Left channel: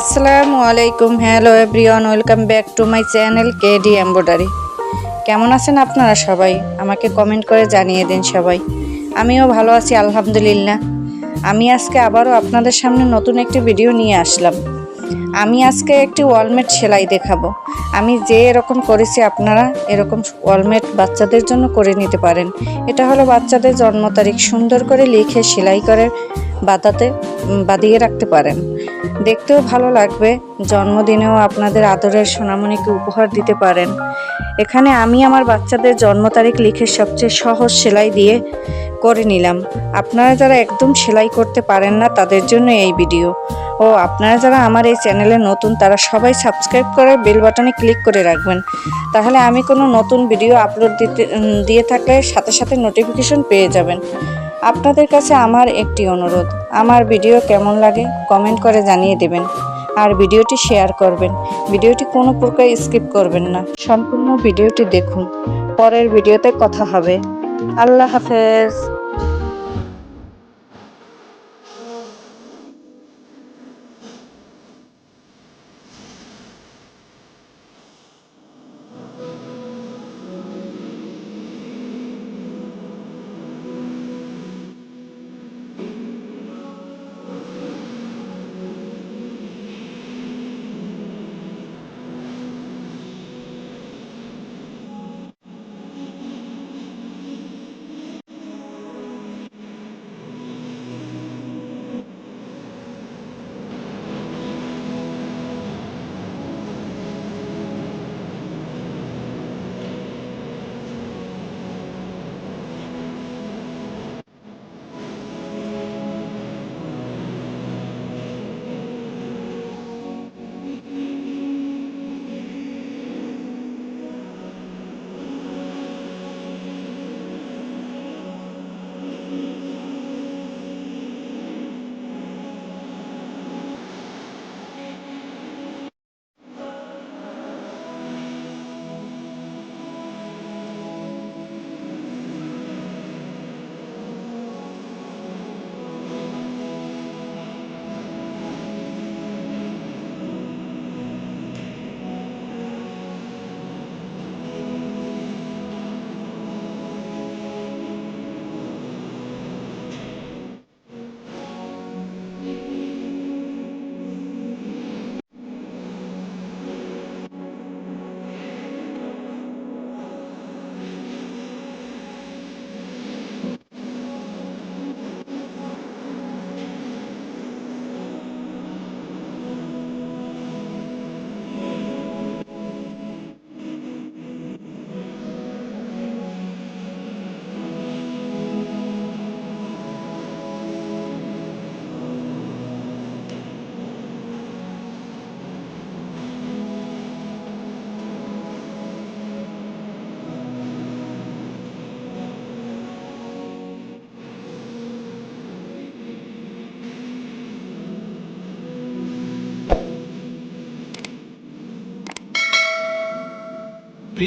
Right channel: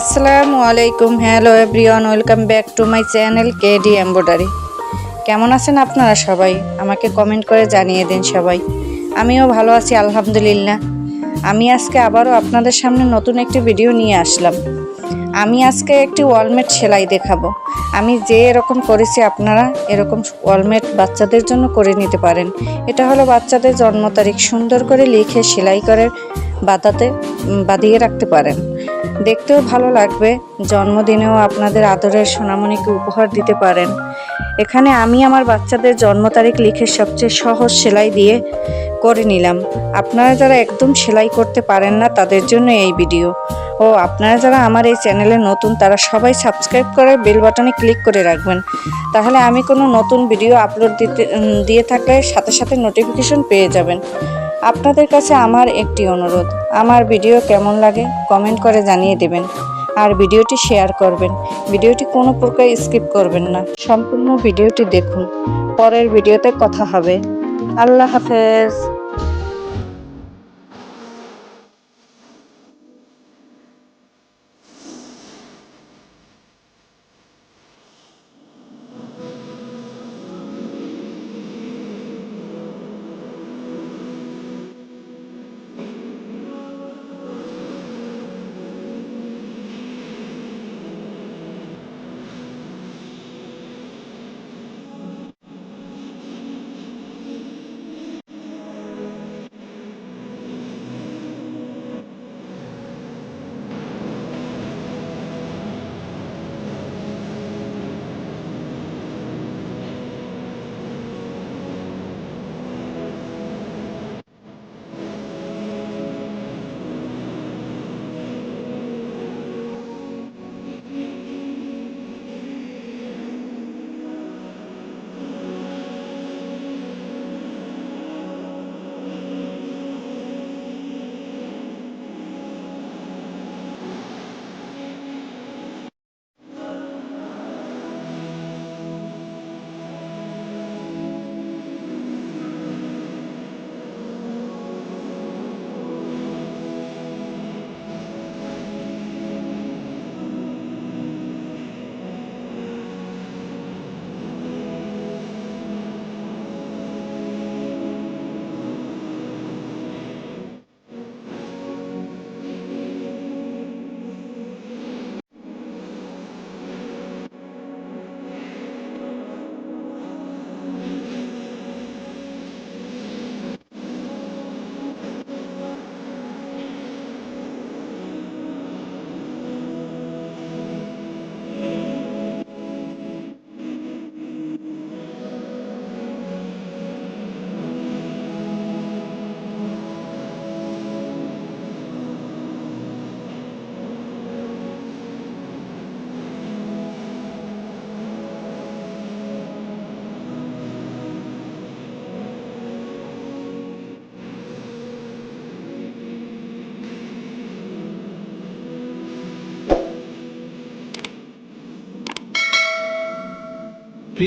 আসসালামু আলাইকুম, hello everyone, welcome back to my channel KD embroidery কেমন আছেন আপনারা সবাই? আমাকে কমেন্ট করে জানিয়ে দিন সবাই। আমিও ভালো আছি, আলহামদুলিল্লাহ। আমি আজকে আবারও আপনাদের সামনে নতুন একটি ভিডিও নিয়ে আসলাম। আমি আজকে একটি ওয়ালমেট সেলাই দেখাবো। আমি যে এরকম করেছি আপনারা এরকম ওয়ালমেট বাচ্চাদের জন্য করে নিতে পারেন। এটা হলো বাচ্চাদের জন্ম তারিখ সুন্দর করে লিখে সেলাই করে বাঁধাতে বাঁধিয়ে রাখতে পারেন। দেখতেও ভালো লাগবে। জন্মদিনেও আপনাদের আদরের সোনামণিকে উপহার দিতে পারেন। এখানে আমি আমার বাচ্চাদের জন্ম তারিখ লিখে সবচেয়ে সহজ সেলাই দিয়ে করে নিলাম। আপনারা যারা একদম সেলাই করতে পারেন না, তাদের জন্য এই ভিডিও। ও, আপনারা যারা আমার এই চ্যানেলে নতুন, তারা সবাই সাবস্ক্রাইব করে বেল বাটনে ক্লিক করে রাখবেন। তাহলে আমি কোনো নতুন ভিডিও আপলোড দিতে দিয়ে থাকলে সাথে সাথে নোটিফিকেশন পেয়ে যাবেন। আপনাদের কাছে আমার একটি অনুরোধ। আমার ভিডিও কেমন লাগে কমেন্ট করে জানিয়ে দেবেন আর ভিডিওটি শেয়ার করবেন। ভিডিওটি কোনো প্রকার স্কিপ করবেন না। সম্পূর্ণ ভিডিওটি দেখুন। পরের ভিডিওতে কথা হবে। আল্লাহ হাফেজ।